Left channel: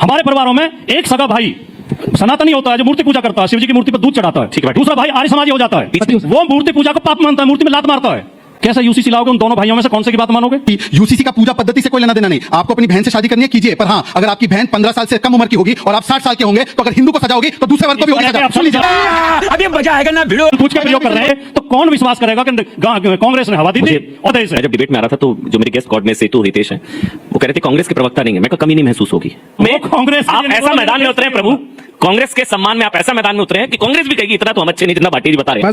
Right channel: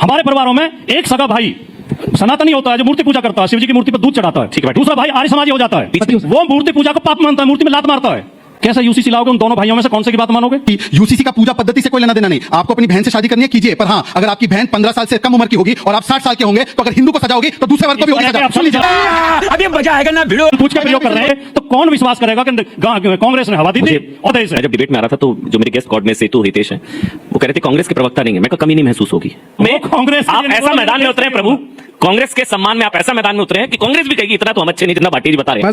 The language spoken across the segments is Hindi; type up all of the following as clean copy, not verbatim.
हमारे परिवारों में एक सगा भाई सनातनी होता है जो मूर्ति पूजा करता है, शिव जी की मूर्ति पर दूध चढ़ाता है, ठीक है। दूसरा भाई आर्य समाजी हो जाता है, वो मूर्ति पूजा को पाप मानता है, मूर्ति में लात मारता है। कैसा यूसीसी लाओगे? उन दोनों भाइयों में से कौन से की बात मानोगे? यूसीसी का पूजा पद्धति से कोई लेना देना नहीं। आपको अपनी बहन से शादी करनी है कीजिए, पर हाँ, अगर आपकी बहन 15 साल से कम उम्र की होगी और आप 60 साल के होंगे तो अगर हिंदू को सजाओगे तो दूसरे वर्ग को भी हो जाएगा। अभी मजा आएगा ना। वीडियो पूछ के प्रयोग कर रहे हैं तो कौन विश्वास करेगा कि कांग्रेस ने हवा दी थी? और जब डिबेट में आ रहा था तो जो मेरे गेस्ट कोर्ट में सीतू हितेश है वो कह रहे थे कांग्रेस के प्रवक्ता नहीं है। मैं कमी नहीं महसूस होगी। मैं कांग्रेस आप ऐसा मैदान में उतरे प्रभु, कांग्रेस के सम्मान में आप ऐसा मैदान में उतरे हैं कि कांग्रेस भी कहेगी इतना तो हम अच्छे नहीं जितना भाटी जी बता रहे हैं।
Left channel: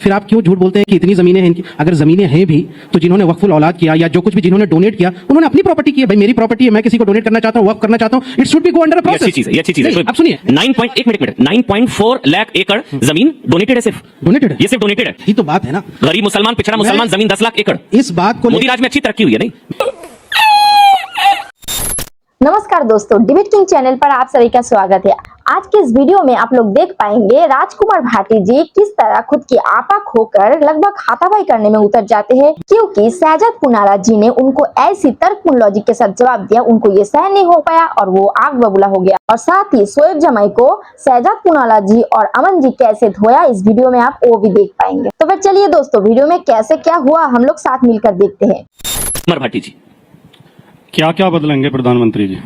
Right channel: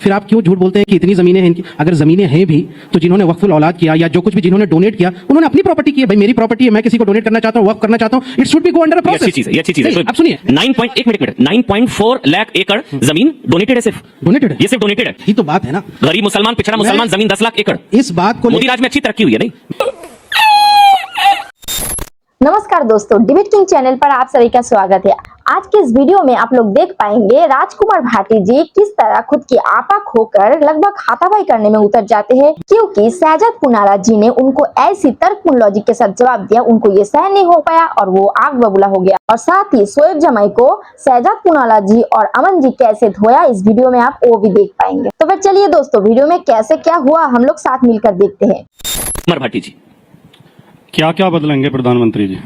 फिर आप क्यों झूठ बोलते हैं कि इतनी जमीनें हैं इनकी? अगर जमीनें हैं भी तो जिन्होंने वक्फुल औलाद किया या जो कुछ भी जिन्होंने डोनेट किया उन्होंने अपनी प्रॉपर्टी की है। भाई मेरी प्रॉपर्टी है, मैं किसी को डोनेट करना चाहता हूं, वक्फ करना चाहता हूं, it should be go under process. अच्छी चीज है, अच्छी चीज है। अब सुनिए 9.4 लाख एकड़ जमीन डोनेटेड है, सिर्फ डोनेटेड है, ये सिर्फ डोनेटेड है। ये तो बात है ना। गरीब मुसलमान पिछड़ा मुसलमान जमीन 10 लाख एकड़। इस बात को मोदी राज में अच्छी तरक्की हुई है नहीं? नमस्कार दोस्तों, डिबेट किंग चैनल पर आप सभी का स्वागत है। आज के इस वीडियो में आप लोग देख पाएंगे राजकुमार भाटी जी किस तरह खुद की आपा खोकर लगभग हाथापाई करने में उतर जाते हैं, क्योंकि शहजाद पुनारा जी ने उनको ऐसी तर्कपूर्ण लॉजिक के साथ जवाब दिया, उनको ये सहन नहीं हो पाया और वो आग बबूला हो गया। और साथ ही शोएब जमाई को शहजाद पुनारा जी और अमन जी कैसे धोया, इस वीडियो में आप वो भी देख पाएंगे। तो फिर चलिए दोस्तों, वीडियो में कैसे क्या हुआ हम लोग साथ मिलकर देखते हैं। राजकुमार भाटी जी क्या क्या बदलेंगे प्रधानमंत्री जी?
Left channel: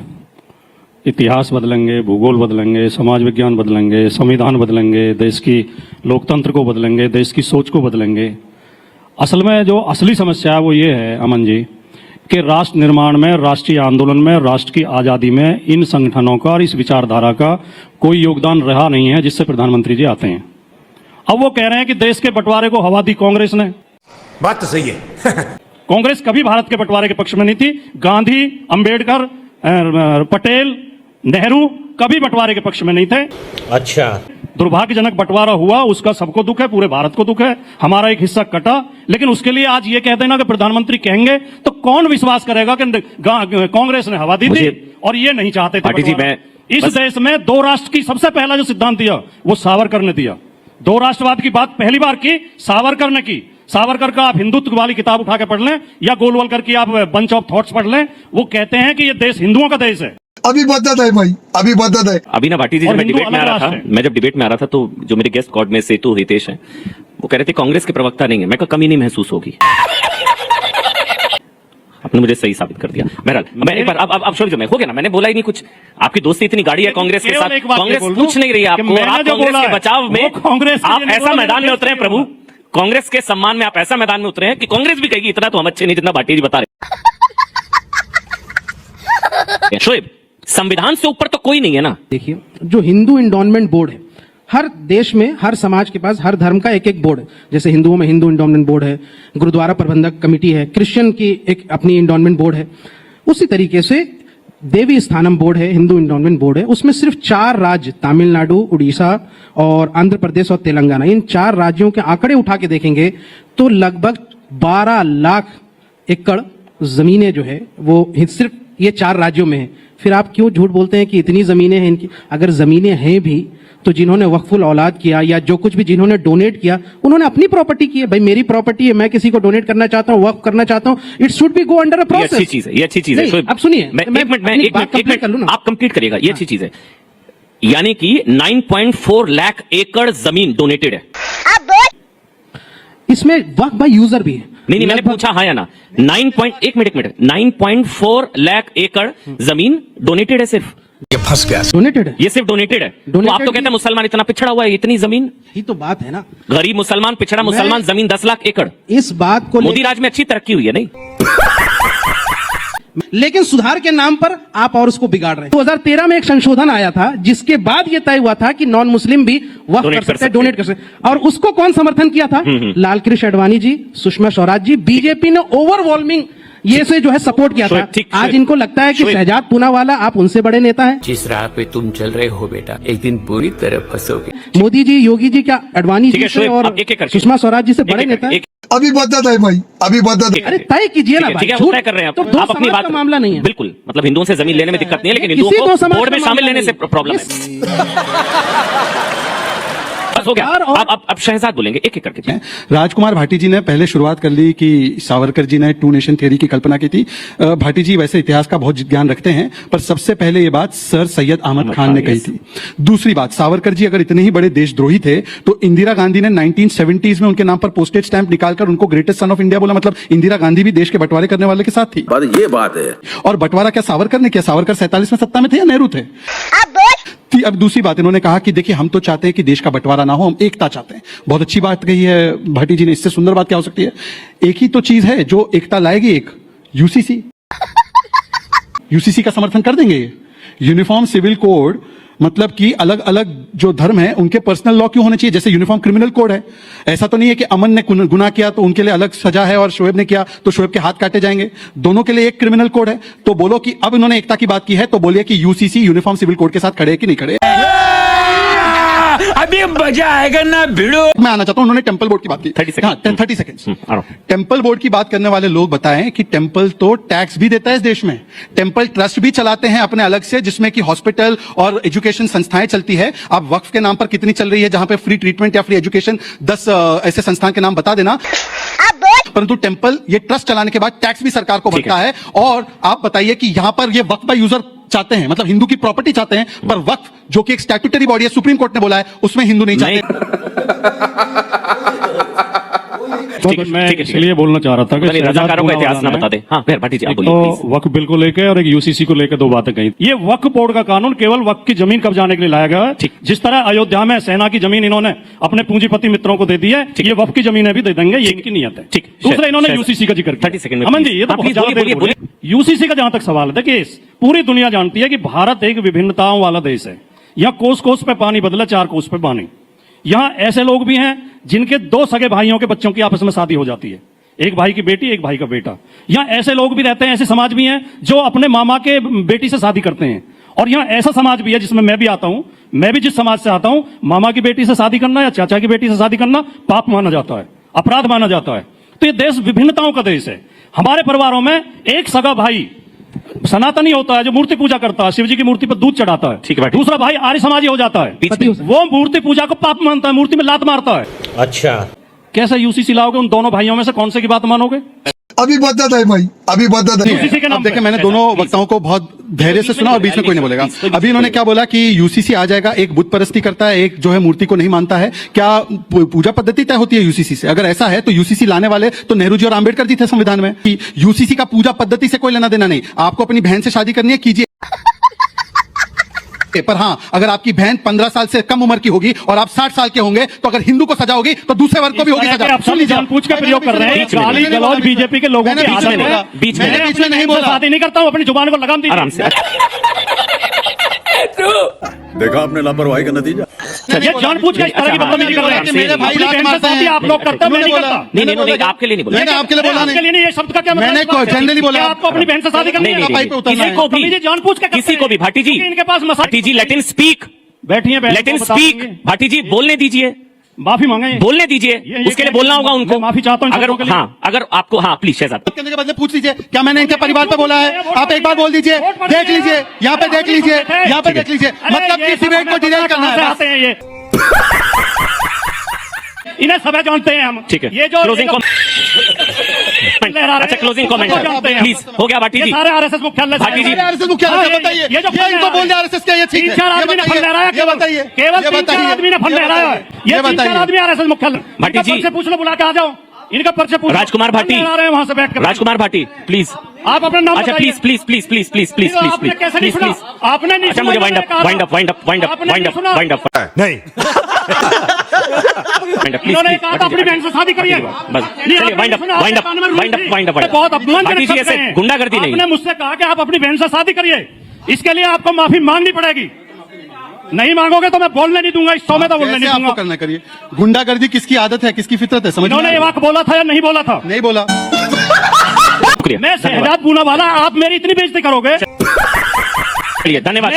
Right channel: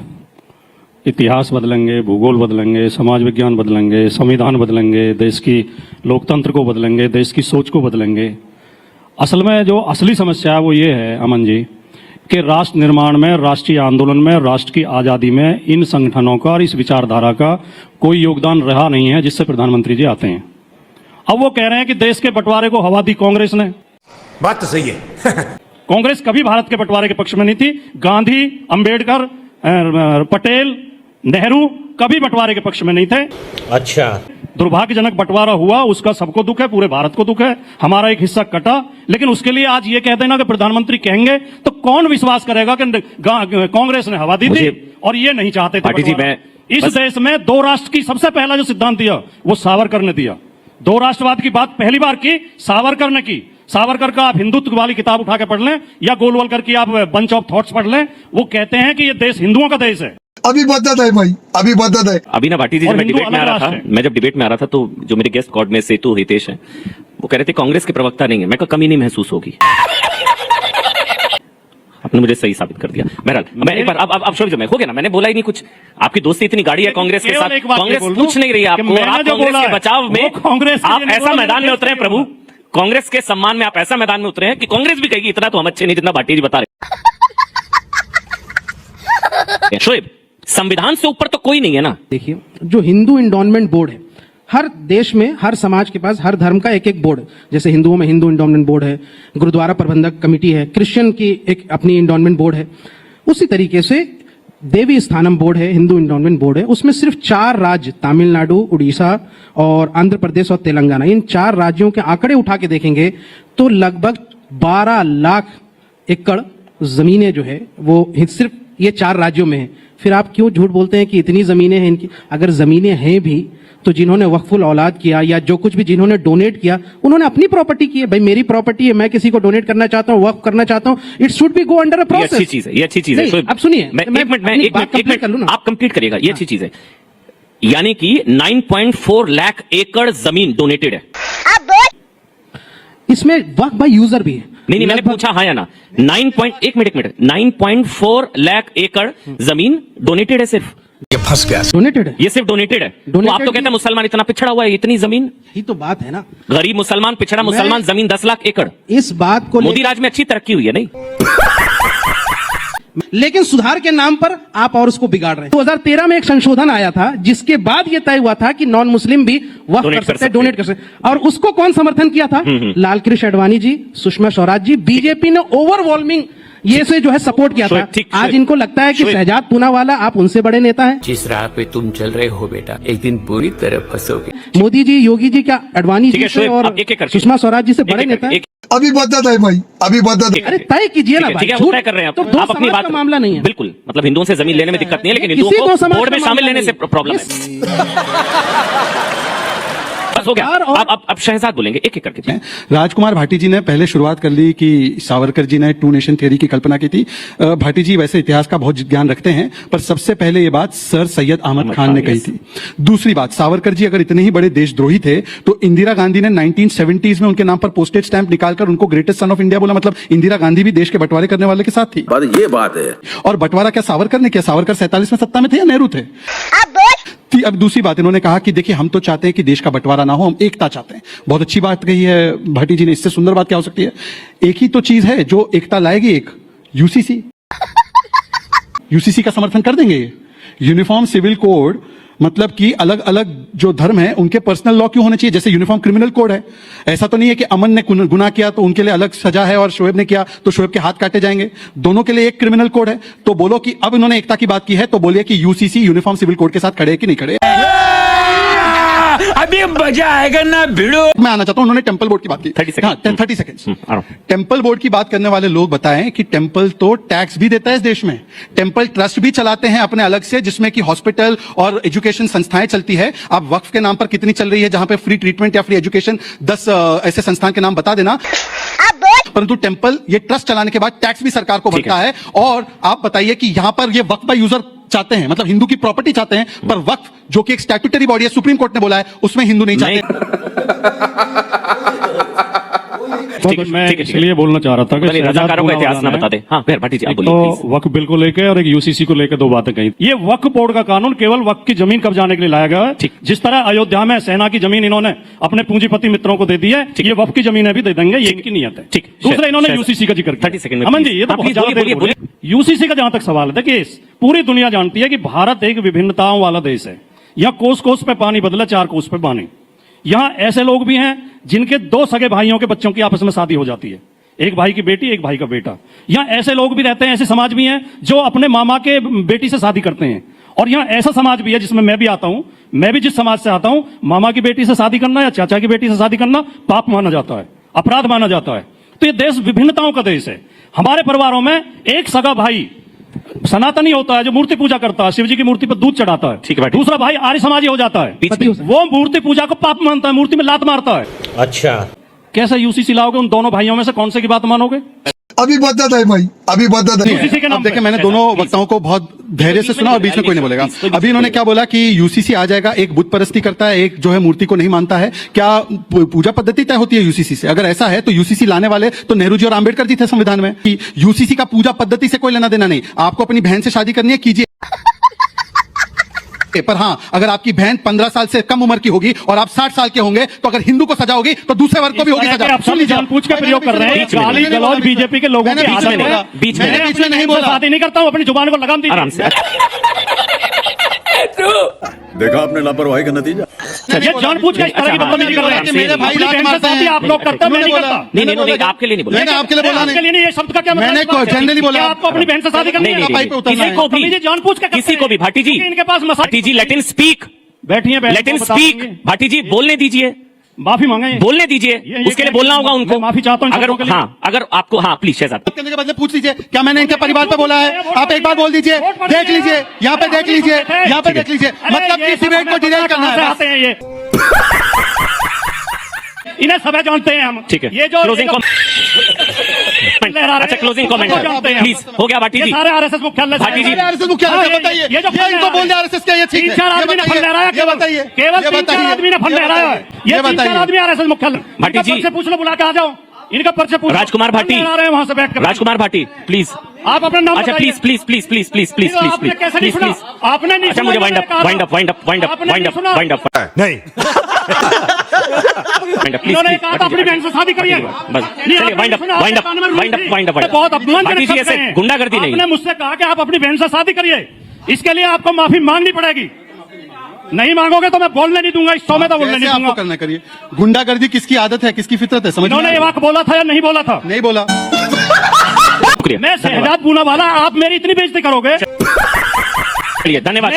इतिहास बदलेंगे, भूगोल बदलेंगे, समाज विज्ञान बदलेंगे, संविधान बदलेंगे, देश की लोकतंत्र को बदलेंगे, देश की सोच को बदलेंगे। असल में जो असली समस्या है वो ये है अमन जी कि राष्ट्र निर्माण में, राष्ट्रीय आंदोलन में, राष्ट्र की आजादी में इन संगठनों का और इस विचारधारा का कोई योगदान रहा नहीं है जिससे प्रधानमंत्री जी आते हैं। अब वो कह रहे हैं कि देश के बंटवारे को हवा दी कांग्रेस ने। बात तो सही है। कांग्रेस कभी भारत के बंटवारे के पक्ष में नहीं थी। गांधी, अंबेडकर, पटेल, नेहरू कभी बंटवारे के पक्ष में नहीं थे। अच्छा, दुर्भाग्यजनक बंटवारा हुआ, उसका सबको दुख है, पूरे भारत को दुख है। हमारा एक हिस्सा कटा, लेकिन उसके लिए आज ये कहते हैं ना कि प्रधानमंत्री कहेंगे तो कौन विश्वास करेगा कि कांग्रेस ने हवा दी थी और ये नहीं चाहते थे। भाटी जी मैं इस देश में दो राष्ट्र की सबसे पहला जो सिद्धांत दिया वो सावरकर ने दिया। दो राष्ट्रवाद की बात पहली बार की सावरकर ने की। सावरकर का आप हिंदुत्व वाली किताब उठा के पढ़ लें या गोलवलकर की आप बंच ऑफ थॉट्स पढ़ लें, वो कहते हैं कि ये देश हिंदुओं का देश है। अभी बदत है भाई, अभी बदत है। अभी ना भाटी जी जब मैं डिबेट में आ रहा था, तो जो मेरे गेस्ट कोर्ट में सेतु हितेश है वो कह रहे थे कांग्रेस के प्रवक्ता नहीं है। मैं कमी नहीं महसूस होगी। आपने मुझे सही साबित कर दिया। मैं एक बार अब सुन मैं हो गया ना, मैंने बोला ही नहीं कुछ। आपकी दोस्ती इतनी गाड़ी है कांग्रेस के साथ, कांग्रेस कुछ नहीं रही आपको। आप कांग्रेस के बचाव में कांग्रेस आप ऐसे मैदान में उतरे प्रभु, कांग्रेस के सम्मान में आप ऐसा मैदान में उतरे कि कांग्रेस भी कहेगी इतना तो हम अच्छे नहीं जितना भाटी जी बता रहे। शोएब, संविधान से ऊपर तो कोई नहीं है ना। देखिए, जो हिंदू इंडोनमेंट बोर्ड है, हर देश में हर समाज के पास हर धर्म का एक एक बोर्ड है। जैसे हिंदुओं में हिंदू इंडोनमेंट बोर्ड है, गुरुद्वारा प्रबंधक कमेटी है, क्रिश्चियन की एक अपनी इंडोनमेंट बोर्ड है। उसी तरीके से देवी स्थानम बोर्ड है, हिंदू इंडोनमेंट बोर्ड है। उसमें सिर्फ 4 राज्य, तमिलनाडु, उड़ीसा और आंध्र प्रदेश और तेलंगाना, इन 4 राज्यों के आंकड़े उठा के देखेंगे तो लगभग 12 लाख एकड़ जमीनें जो है वो सिर्फ ये 4 राज्यों में है। फिर आप क्यों झूठ बोलते हैं कि इतनी जमीनें हैं इनकी? अगर जमीनें हैं भी तो जिन्होंने वक्फुल औलाद किया या जो कुछ भी जिन्होंने डोनेट किया उन्होंने अपनी प्रॉपर्टी की है। भाई मेरी प्रॉपर्टी है, मैं किसी को डोनेट करना चाहता हूँ, वक्फ करना चाहता हूँ, it should be go under a process. अच्छी चीज है, ये अच्छी चीज है। अब सुनिए, एक मिनट आप कंप्लीट करिएगा। ये अच्छी चीज है, यानी कि 9.4 लाख एकड़ जमीन डोनेटेड है। इसमें वक्फ बाय यूजर भी है। नहीं, मैंने पूछा हाँ या ना। 9.4 लाख एकड़ जमीन डोनेटेड है सिर्फ। ये फंस गया। डोनेटेड है, ये सिर्फ डोनेटेड है। तो आप तो कहते हैं मुसलमान इतना पिछड़ा हुआ है, इतनी जमीन। ये तो बात है ना। गरीब मुसलमान पिछड़ा मुसलमान जमीन 10 लाख एकड़। इस बात को मोदी राज में अच्छी तरक्की हुई है नहीं? लेकिन सुधार के नाम पर आप और उसको बिगाड़ रहे हैं। 2013 में एक संशोधन आया था जिसके बाद यह तय हुआ था कि नॉन मुस्लिम भी वक्फ कर सकते हैं, डोनेट कर सकते हैं। और उसको कौन समर्थन किया था? लाल कृष्ण आडवाणी जी, सुषमा स्वराज जी। बीजेपी ने ओवरवेलमिंग ये से जो है सपोर्ट किया था। आज इनको लगता है कि शहजाद पूनावाला आप उनसे बड़े नेता हैं। जिस राह पे तुम चल रहे हो बेटा, एक दिन पूरी तरह फंसोगे। मोदी जी, योगी जी क्या आडवाणी जी से और सुषमा स्वराज जी से बड़े नेता हैं? अभी बदत है भाई, अभी बदत है। अरे तय कीजिए ना भाई। ठीक है, वो तय कर रहे हैं। तो आप अपनी बात, मामला नहीं है। बिल्कुल, मतलब हिंदुओं से जमीन लेने में दिक्कत नहीं है, लेकिन हिंदुओं को बोर्ड में शामिल लेने से प्रॉब्लम है। बस हो गया। अब शहजाद बोलेंगे एक एक करके। राजकुमार भाटी जी ने पहले शुरुआत कर ली कि सावरकर जी ने टू नेशन थ्योरी की कल्पना की थी। भाटी जी वैसे इतिहास का बहुत ज्ञान रखते हैं, पर सबसे पहले ये बात सर सैयद अहमद खान ने कही थी। दूसरी बात, सावरकर जी अगर इतने ही बड़े देशद्रोही थे तो इंदिरा गांधी ने 1970s में उनके नाम पर पोस्टेज स्टैंप निकालकर उनको ग्रेटेस्ट सन ऑफ इंडिया बोला। मतलब इंदिरा गांधी भी देश के बंटवारे करने वाले के साथ थी। ये बात है। और बंटवारा क्या सावरकर ने किया? सावरकर 47वें सत्ता में थे या नेहरू थे? अब दूसरी बात इन्होंने कहा कि देखिए हम तो चाहते हैं कि देश का बंटवारा ना हो, हम एकता चाहते हैं। बहुत अच्छी बात कही है भाटी जी ने, इससे सुंदर बात क्या हो सकती है? एक ही तो चीज है जो एकता लाएगी, एक यूसीसी। यूसीसी का समर्थन कर देंगे। यूनिफॉर्म सिविल कोड, मतलब कि अलग अलग जो धर्म है उनके पर्सनल लॉ क्यों होने चाहिए? जैसे यूनिफॉर्म क्रिमिनल कोड है। ऐसा तो नहीं है कि अमन ने गुनाह किया तो उनके लिए अलग सजा है और शोएब ने किया तो शोएब के हाथ काटे जाएंगे। दोनों के लिए एक क्रिमिनल कोड है। तो बोलो कि अब इन्होंने एकता की बात की है तो बोलिए कि यूसीसी यूनिफॉर्म सिविल कोड के साथ खड़े है कि नहीं खड़े? अभी मजा आएगा ना भिड़ो। मैं आना चाहता हूं, उन्होंने टेम्पल बोर्ड की बात की। 30 सेकंड्स। टेम्पल बोर्ड की बात करने वाले लोग बताएं कि टेम्पल तो टैक्स भी देता है इस देश में। टेम्पल ट्रस्ट भी चलाते हैं अपने अलग से, जिसमें कि हॉस्पिटल और एजुकेशन संस्थाएं चलती है। आप वक्फ के नाम पर कितनी चल रही है जहां पे फ्री ट्रीटमेंट या फ्री एजुकेशन, 10 ऐसे संस्थान के नाम बता देना। परंतु टेम्पल ये ट्रस्ट चलाने के बाद टैक्स भी सरकार को भरता है। और आप बताइए कि यहाँ पर ये वक्फ का यूजर चाहते हैं, मतलब हिंदू की प्रॉपर्टी चाहते हैं, पर वक्फ जो कि एक स्टैट्यूटरी बॉडी है, सुप्रीम कोर्ट ने बोला है, उसमें हिंदू नहीं चाहते। मैं इसलिए बोलना चाह रहा था कि रजाकारों का इतिहास ना बता दे। हाँ भाटी जी आप बोलिए, तो please। वक्फ बिल को लेकर और एक यूसीसी को लेकर दो बातें कही। ये वक्फ बोर्ड का कानून केवल वक्फ की जमीन कब्जाने के लिए लाया गया है। जिस तरह अयोध्या में सेना की जमीन इन्होंने अपने पूंजीपति मित्रों को दे दी है, ये वक्फ की जमीन भी दे देंगे, ये इनकी नियत है। ठीक। दूसरा इन्होंने यूसीसी का जिक्र 30 सेकंड में। अमन जी ये तो प्लीज बोलिए। यूसीसी का जहां तक सवाल है कि पूरी दुनिया जानती है कि भारत एक विभिन्नताओं वाला देश है। यह कोस कोस पे पानी बदला, 4 कोस पे पानी। यहाँ ऐसे लोग भी हैं जिनके 2 सगे भाइयों के बच्चों की आपस में शादी हो जाती है, एक भाई की बेटी एक भाई का बेटा। या ऐसे लोग भी रहते हैं, ऐसे समाज भी हैं जो अपने मामा के बेटी से शादी करते हैं। और यहाँ ऐसा समाज भी है जिसमें मैं भी आता हूं। मैं भी जिस समाज से आता हूं, मामा की बेटी से शादी करना या चाचा की बेटी से शादी करना पाप माना जाता है, अपराध माना जाता है। तो ये देश विभिन्नताओं का देश है। हमारे परिवारों में एक सगा भाई सनातनी होता है जो मूर्ति पूजा करता है, शिव जी की मूर्ति पर दूध चढ़ाता है। ठीक है भाई। दूसरा भाई आर्य समाजी हो जाता है, वो मूर्ति पूजा को पाप मानता है, मूर्ति पे लात मारता है। अच्छा, कैसे यूसीसी लाओगे? उन दोनों भाइयों में से कौन से की बात मानोगे? अभी बदत है भाई, अभी बदत है। यूसीसी के नाम अब देखिए, मैंने दोनों वक्ताओं को बहुत धैर्य से सुना और बीच में कोई नहीं बोलेगा। अभी इन्होंने क्या बोला कि यूसीसी आ जाएगा, एक बुत परस्ती करता है, एक जो है मूर्ति को नहीं मानता है। क्या पूजा पद्धति तय होती है यूसीसी से? अगर ऐसा है तो यूसीसी लाने वाले तो नेहरू जी और आम्बेडकर जी थे संविधान में। यूसीसी का पूजा पद्धति से कोई लेना देना नहीं। आपको अपनी बहन से शादी करनी है, कीजिए। पर हाँ, अगर आपकी बहन 15 साल से कम उम्र की होगी और आप 60 साल के होंगे तो अगर हिंदू को सजा होगी तो दूसरे वर्ग की भी होगी सजा। आप सब जानबूझ कर प्रयोग कर रहे हैं और बीजेपी के लोगों की आदत है। बीच में नहीं बोला, शादी नहीं करता हूं, अपनी जुबान को लगाम दीजिए। आराम से। देखा आपने लापरवाही का नतीजा। जानबूझ के इस तरह की बदतमीजी कर रहे हैं। मेरे भाई आप लोग करते हैं, मैं नहीं करता। नहीं आपके लिए नहीं बोला। मैंने आपके लिए बोला आपके लिए नहीं, ये शब्द का क्या मैंने जनरली बोला। आपको अपनी बहन से शादी करनी है। किसी को भी जानबूझ के किसी को भी भाटी जी, इनके पास भाटी जी लेट हिम स्पीक, बैठिए लेट हिम स्पीक। भाटी जी बोलने दीजिए, माफी मांगे, बोलने दीजिए, उसके लिए बोलना होगा उनको। माफी चाहता हूं अगर हाँ, अगर आपको हाँ प्लीज शहजाद बात करने के बाद पूछ लीजिए क्या मैंने इनके परिवार पे बोला है। आप एक बार बोल दीजिए, देख लीजिए, यहाँ पे देख लीजिए, यहाँ पे देख लीजिए। मतलब किसी ने को डिनाई करना है। इन्हें सब जानते हैं हम। ठीक है, ये जो क्लोजिंग अच्छा क्लोजिंग कमेंट प्लीज हो गया भाटी जी। सारे आरएसएस मुख्यालय भाटी जी बताइए, ये जो इनको बोल रहा है आरएसएस का, ये ठीक है। 3-4 आदमी ने फंड ले रहा है, ये बताइए, केवल 3-4 आदमी ने फंड ले रहा है। ये 3-4 आदमी आरएसएस मुख्यालय भाटी जी से पूछने बुला के आ जाओ, इनका पर्चे पूछो। राजकुमार भाटी आ रहे हैं वहां से बैठ कर। राजकुमार भाटी प्लीज आप अपना नाम अच्छा please please please please please please please आपने कैसे नहीं सुना? आपने नहीं अच्छा सुना? मुझे wind up wind up wind up wind up wind up wind up नहीं वाइंड अप प्लीज मैंने कहा आप अपनी बहन से शादी करिए। बस चलिए wind up wind up wind up wind up बहुत अपमानजनक भाटी जी शब्द ऐसे हैं। गुंडागर्दी नहीं। आपने मुझसे कहा कि आप अपनी बहन से शादी करिए, इसके लिए आपको माफी मांगनी पड़ेगी। नहीं मांगोगे तो मैं बोलने नहीं दूंगा, इस 100 में तो बोलने नहीं आपको दूंगा। करना करिए। गुंडागर्दी किसकी आदत है, किसकी फितरत है, समझ इन्होंने ये बात बोला था या नहीं बोला था? नहीं बोला। मैं शहजाद पूना वाला, आप मेरी इतनी बेइज्जती करोगे? चलिए धन्यवाद।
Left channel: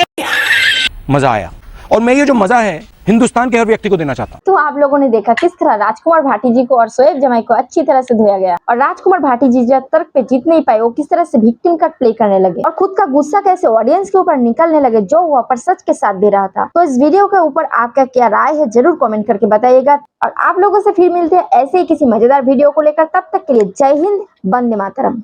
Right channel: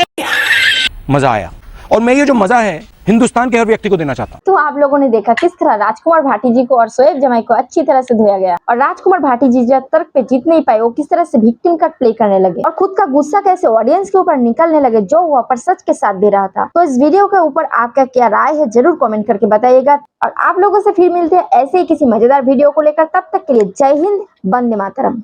मजा आया। और मैं ये जो मजा है हिंदुस्तान के हर व्यक्ति को देना चाहता हूँ। तो आप लोगों ने देखा किस तरह राजकुमार भाटी जी को और शोएब जमाई को अच्छी तरह से धोया गया, और राजकुमार भाटी जी जब तर्क पे जीत नहीं पाए वो किस तरह से विक्टिम कार्ड प्ले करने लगे और खुद का गुस्सा कैसे ऑडियंस के ऊपर निकलने लगे जो वहाँ पर सच के साथ दे रहा था। तो इस वीडियो के ऊपर आपका क्या राय है जरूर कमेंट करके बताइएगा, और आप लोगों से फिर मिलते हैं ऐसे ही किसी मजेदार वीडियो को लेकर। तब तक के लिए जय हिंद, वंदे मातरम।